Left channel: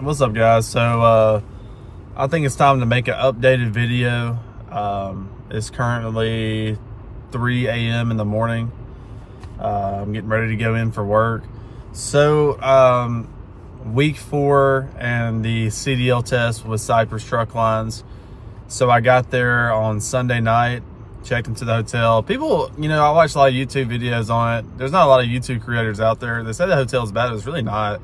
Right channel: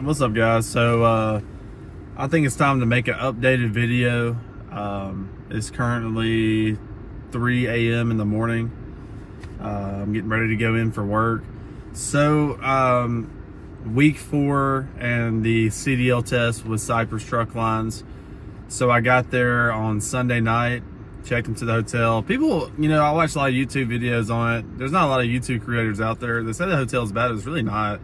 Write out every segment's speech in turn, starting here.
What's up, guys? So I think it's time to make an updated video. It's currently 3 a.m. in the morning. I'm getting ready to go in for work. So week 4 and the CDL test with Cypress truck lines. So I got there on Sunday night, checked into the hotel. People, I watch a lot of YouTube videos on it. There's not a lot of YouTube creators out there. They say the hotel's bad, but it's really not.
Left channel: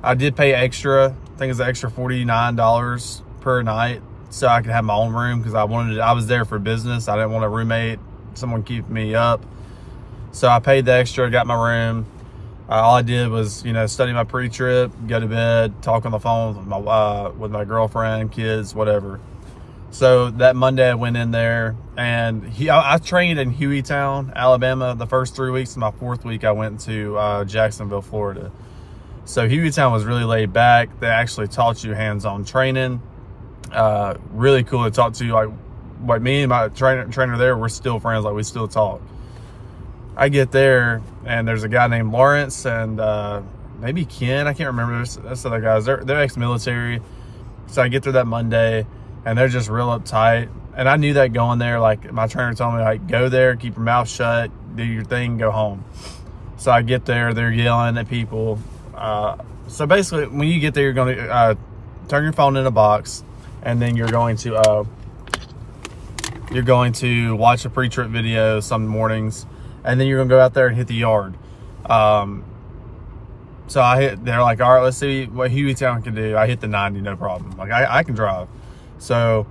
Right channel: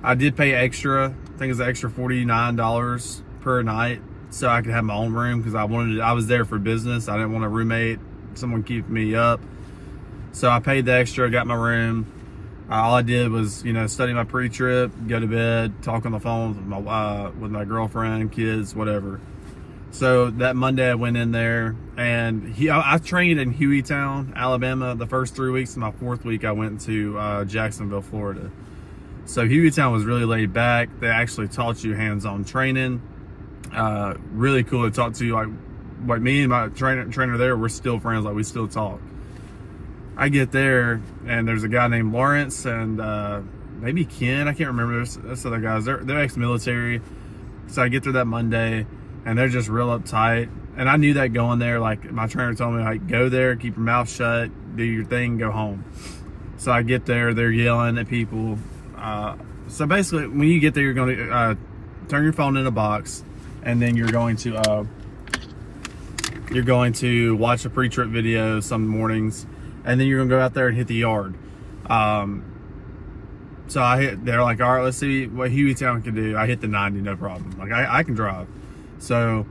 I did pay extra. I think it's an extra $49 per night, so I could have my own room because I was there for business. I didn't want a roommate, someone keep me up. So I paid the extra, got my room. All I did was, study my pre-trip, go to bed, talk on the phone with my girlfriend, kids, whatever. So that Monday I went in there, and I trained in Hueytown, Alabama, the first 3 weeks. And my 4th week I went to Jacksonville, Florida. So Hueytown was really laid back. They actually taught you hands-on training. Really cool to talk to you. Like me and my trainer there, we're still friends. Like, we still talk. I get there, and there's a guy named Lawrence and maybe Ken. I can't remember. That's other guys. They're ex-military. So I get there that Monday, and they're just real uptight. And I knew that going there. Like, my trainer told me, like, go there, keep your mouth shut, do your thing, go home. So I get there, they're yelling at people. So basically, when you get there, you're going to turn your phone in a box, and then you're going to watch a pre-trip video some mornings, and then you're going to go out there and hit the yard. So they're like, all right, let's see what Hueytown can do. I hit the 90, no problem. Like, I can drive. So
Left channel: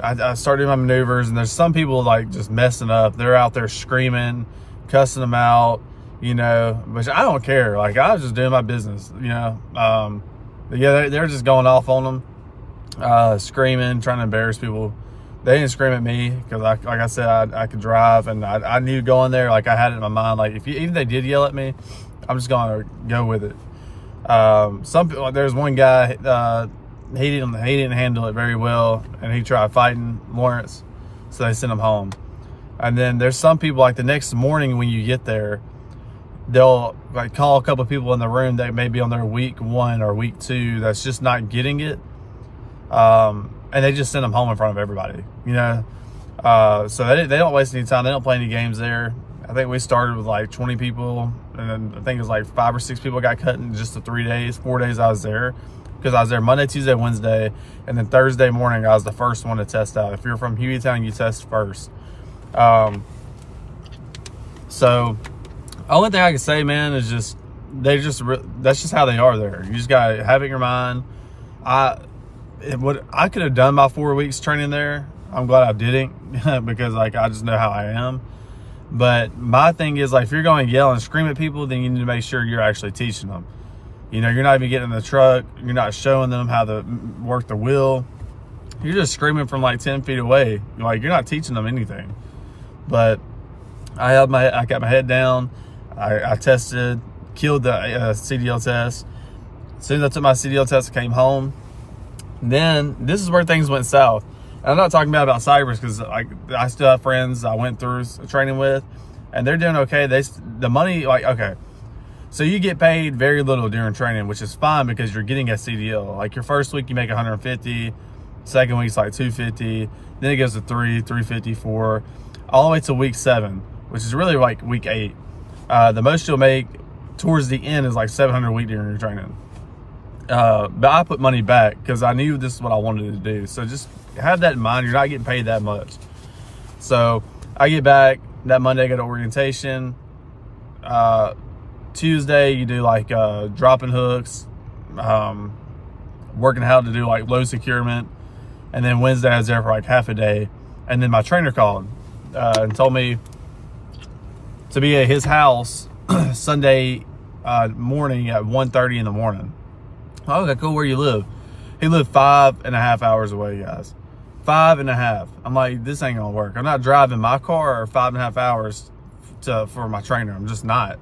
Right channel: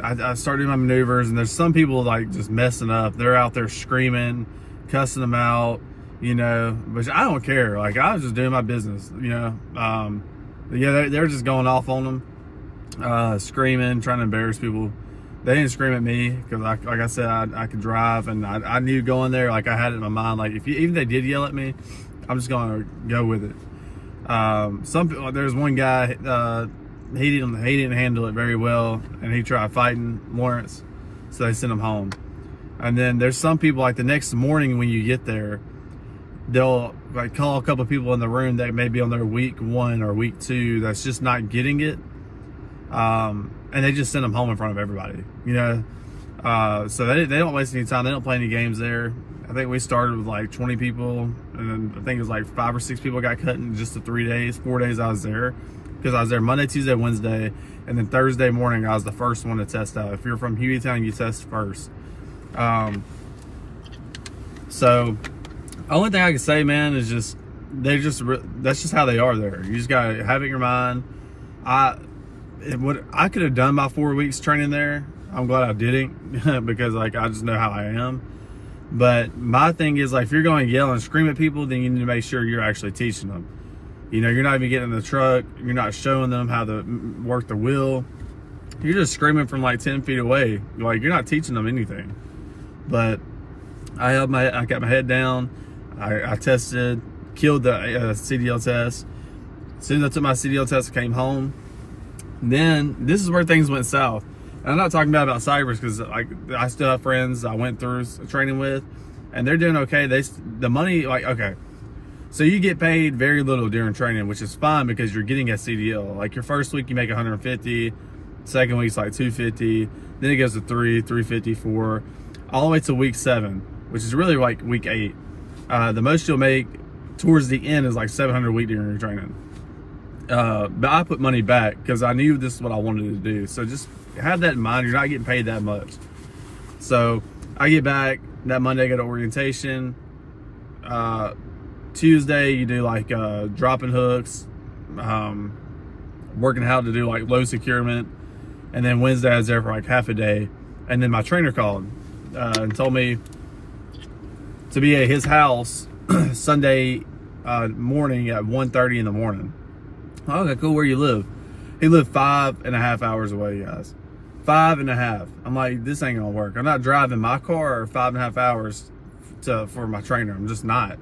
I started my maneuvers, and there's some people like just messing up. They're out there screaming, cussing them out. Which I don't care. Like, I was just doing my business, But yeah, they're just going off on them, screaming, trying to embarrass people. They didn't scream at me because, like I said, I could drive, and I knew going there. Like, I had it in my mind. Like, even if they did yell at me, I'm just going to go with it. There's one guy, he didn't handle it very well, and he tried fighting Lawrence, so they sent him home. And then there's some people, like, the next morning when you get there, they'll like call a couple of people in the room that may be on their week 1 or week 2 that's just not getting it, and they just send them home in front of everybody. So they don't waste any time. They don't play any games there. I think we started with like 20 people, and then I think it was like 5 or 6 people got cut in just the 4 days I was there, because I was there Monday, Tuesday, Wednesday, and then Thursday morning I was the first one to test out. If you're from Hueytown, you test first. So only thing I can say, man, is just that's just how they are there. You just gotta have it in your mind. I could have done my 4 weeks training there. I'm glad I didn't because, like, I just know how I am. But my thing is, like, if you're going to yell and scream at people, then you need to make sure you're actually teaching them. You're not even getting in the truck. You're not showing them how to work the wheel. You're just screaming from like 10 feet away. Like, you're not teaching them anything. But I got my head down. I tested, killed the CDL test. As soon as I took my CDL test, I came home. And then this is where things went south. And I'm not talking about Cypress, because I still have friends I went through training with, and they're doing okay. The money, like, okay. So you get paid very little during training, which is fine because you're getting a CDL. Like, your first week you make 150, second week's like 250, then it goes to 350, 4, all the way to week 7, which is really like week 8. The most you'll make towards the end is like 700 a week during your training. But I put money back because I knew this is what I wanted to do. So just have that in mind. You're not getting paid that much. So I get back that Monday, I go to orientation. Tuesday, you do like dropping hooks, working how to do like low securement. And then Wednesday I was there for like half a day. And then my trainer called and told me to be at his house Sunday morning at 1:30 in the morning. Oh, okay, cool. Where you live? He lived 5.5 hours away, guys. 5.5. I'm like, this ain't gonna work. I'm not driving my car 5.5 hours for my trainer. I'm just not.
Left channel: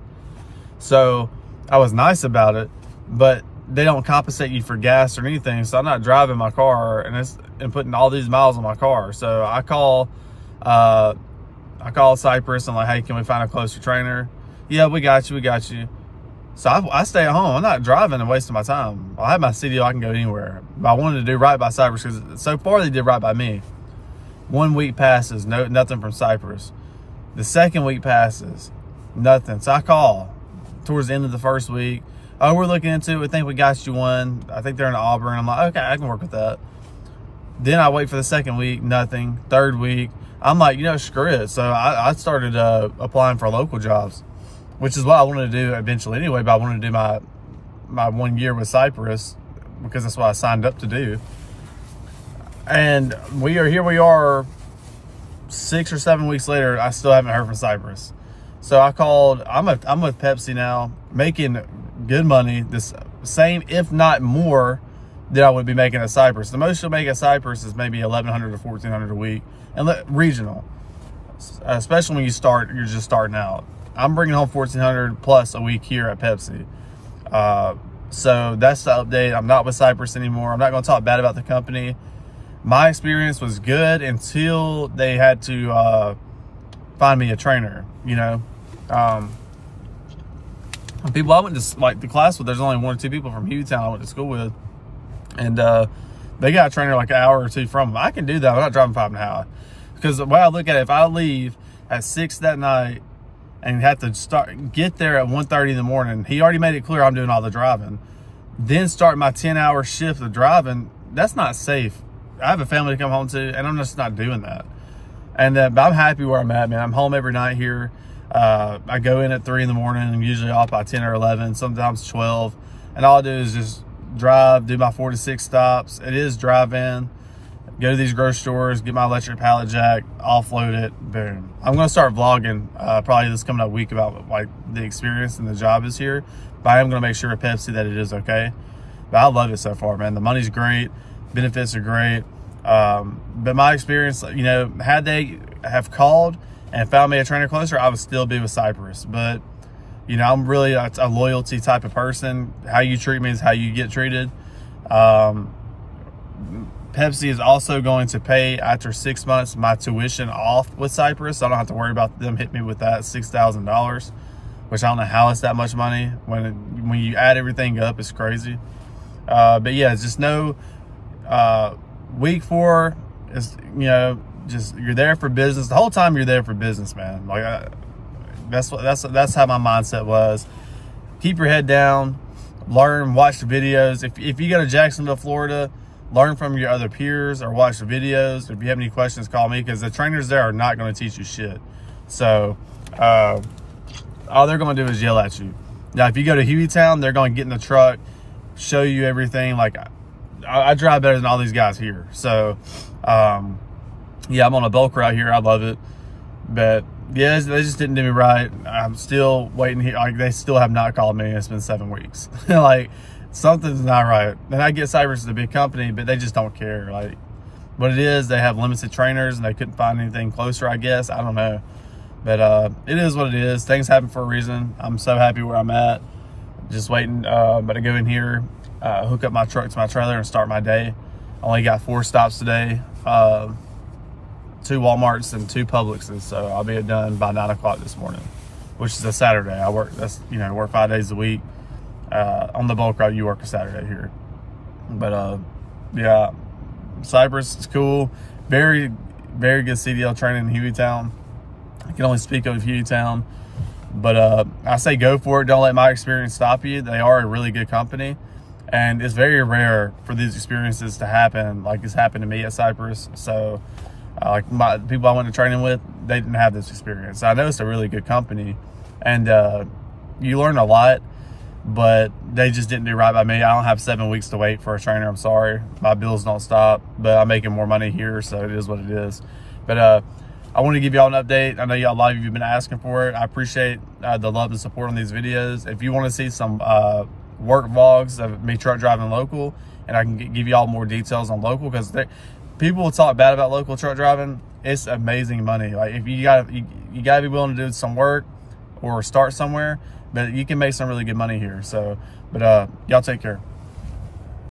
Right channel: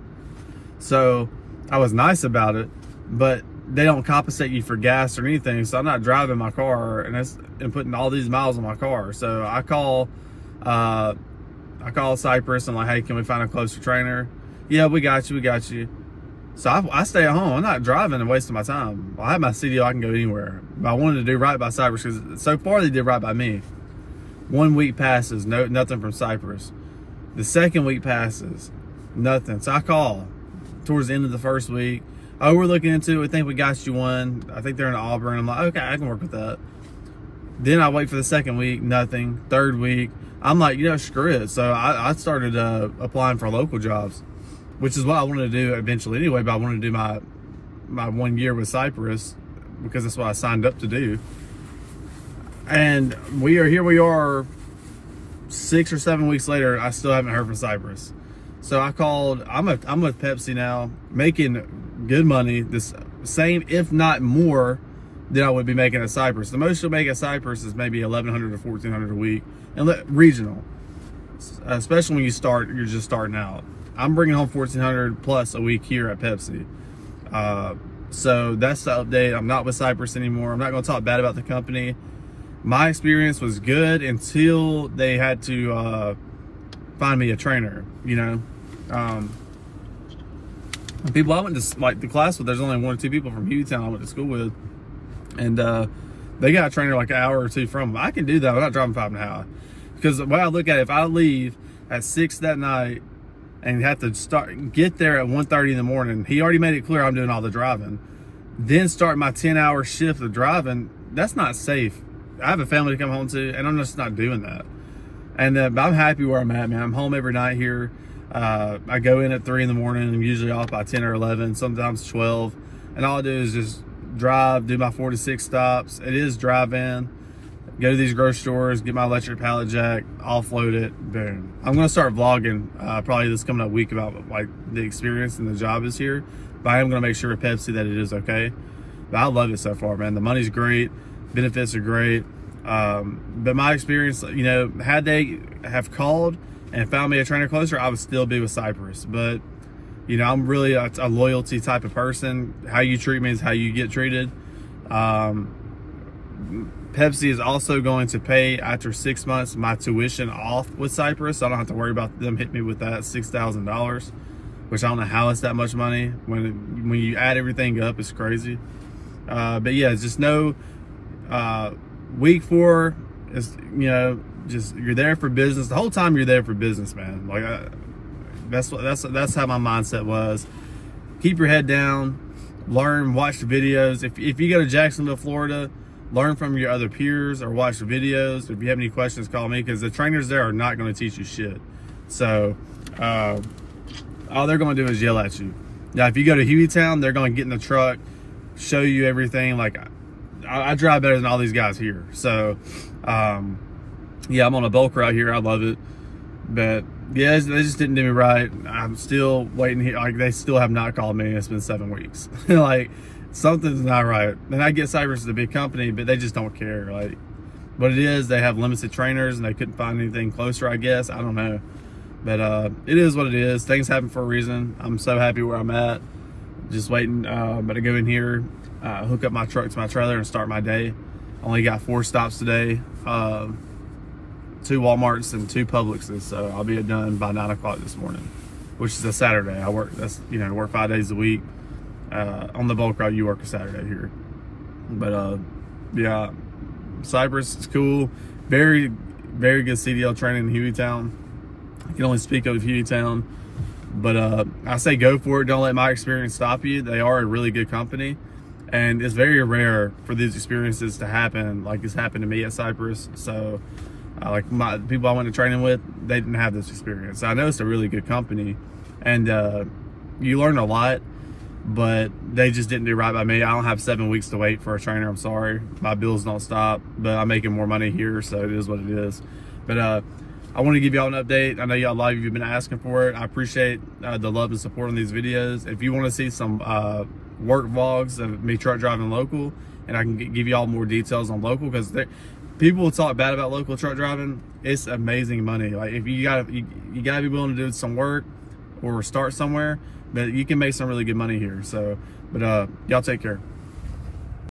So I was nice about it, but they don't compensate you for gas or anything. So I'm not driving my car and putting all these miles on my car. So I call Cypress and like, hey, can we find a closer trainer? Yeah, we got you. So I stay at home. I'm not driving and wasting my time. I have my CDL, I can go anywhere. But I wanted to do right by Cypress because so far they did right by me. 1 week passes, nothing from Cypress. The second week passes, nothing. So I call towards the end of the first week. Oh, we're looking into it. We think we got you one. I think they're in Auburn. I'm like, okay, I can work with that. Then I wait for the second week, nothing. Third week, I'm like, you know, screw it. So I started applying for local jobs, which is what I wanted to do eventually anyway, but I wanted to do my 1 year with Cypress because that's what I signed up to do. And here we are 6 or 7 weeks later, I still haven't heard from Cypress. So I called, I'm with Pepsi now, making good money, this same, if not more, than I would be making at Cypress. The most you'll make at Cypress is maybe $1,100 to $1,400 a week, and regional, especially when you're just starting out. I'm bringing home $1,400 plus a week here at Pepsi. So that's the update. I'm not with Cypress anymore. I'm not going to talk bad about the company. My experience was good until they had to find me a trainer. You know, people I went to the class with, there's only 1 or 2 people from Hueytown I went to school with, and they got a trainer like an hour or 2 from them. I can do that. I'm not driving 5.5 because the way I look at it, if I leave at 6 that night and have to get there at 1:30 in the morning, he already made it clear I'm doing all the driving, then start my 10-hour shift of driving, that's not safe. I have a family to come home to, and I'm just not doing that. And but I'm happy where I'm at, man. I'm home every night here. I go in at 3 in the morning. I'm usually off by 10 or 11, sometimes 12. And all I do is just drive, do my 4 to 6 stops. It is drive-in. Go to these grocery stores, get my electric pallet jack, offload it, boom. I'm gonna start vlogging probably this coming up week about like the experience and the job is here. But I am gonna make sure at Pepsi that it is okay. But I love it so far, man. The money's great, benefits are great. But my experience, you know, had they have called and found me a trainer closer, I would still be with Cypress. But, you know, I'm really a loyalty type of person. How you treat me is how you get treated. Pepsi is also going to pay after 6 months my tuition off with Cypress. So I don't have to worry about them hitting me with that $6,000, which I don't know how it's that much money. When you add everything up, it's crazy. But yeah, just know week 4 is, you know, just you're there for business. The whole time you're there for business, man. Like that's how my mindset was. Keep your head down, learn, watch the videos. If you go to Jacksonville, Florida, learn from your other peers or watch the videos. If you have any questions, call me, because the trainers there are not going to teach you shit. So all they're going to do is yell at you. Now, if you go to Hueytown, they're going to get in the truck, show you everything. Like I drive better than all these guys here. So yeah, I'm on a bulk route here. I love it. But yeah, they just didn't do me right. I'm still waiting here. Like, they still have not called me. It's been 7 weeks. Like, something's not right. And I get Cypress is a big company, but they just don't care. Like, what it is, they have limited trainers and they couldn't find anything closer, I guess. I don't know. But it is what it is. Things happen for a reason. I'm so happy where I'm at. Just waiting but to go in here, hook up my truck to my trailer and start my day. Only got 4 stops today. 2 Walmarts and 2 Publixes, so I'll be done by 9 o'clock this morning, which is a Saturday. I work, work 5 days a week. On the bulk route, you work a Saturday here. But yeah, Cypress is cool. Very, very good CDL training in Hueytown. I can only speak of Hueytown, but I say go for it. Don't let my experience stop you. They are a really good company, and it's very rare for these experiences to happen like it's happened to me at Cypress. So like my people I went to training with, they didn't have this experience. So I know it's a really good company, and you learn a lot, but they just didn't do right by me. I don't have 7 weeks to wait for a trainer. I'm sorry. My bills don't stop, but I'm making more money here, so it is what it is. But I want to give y'all an update. I know y'all, a lot of you have been asking for it. I appreciate the love and support on these videos. If you want to see some work vlogs of me truck driving local, and I can give y'all more details on local, because people will talk bad about local truck driving. It's amazing money. Like, if you gotta be willing to do some work or start somewhere, but you can make some really good money here. So, but y'all take care.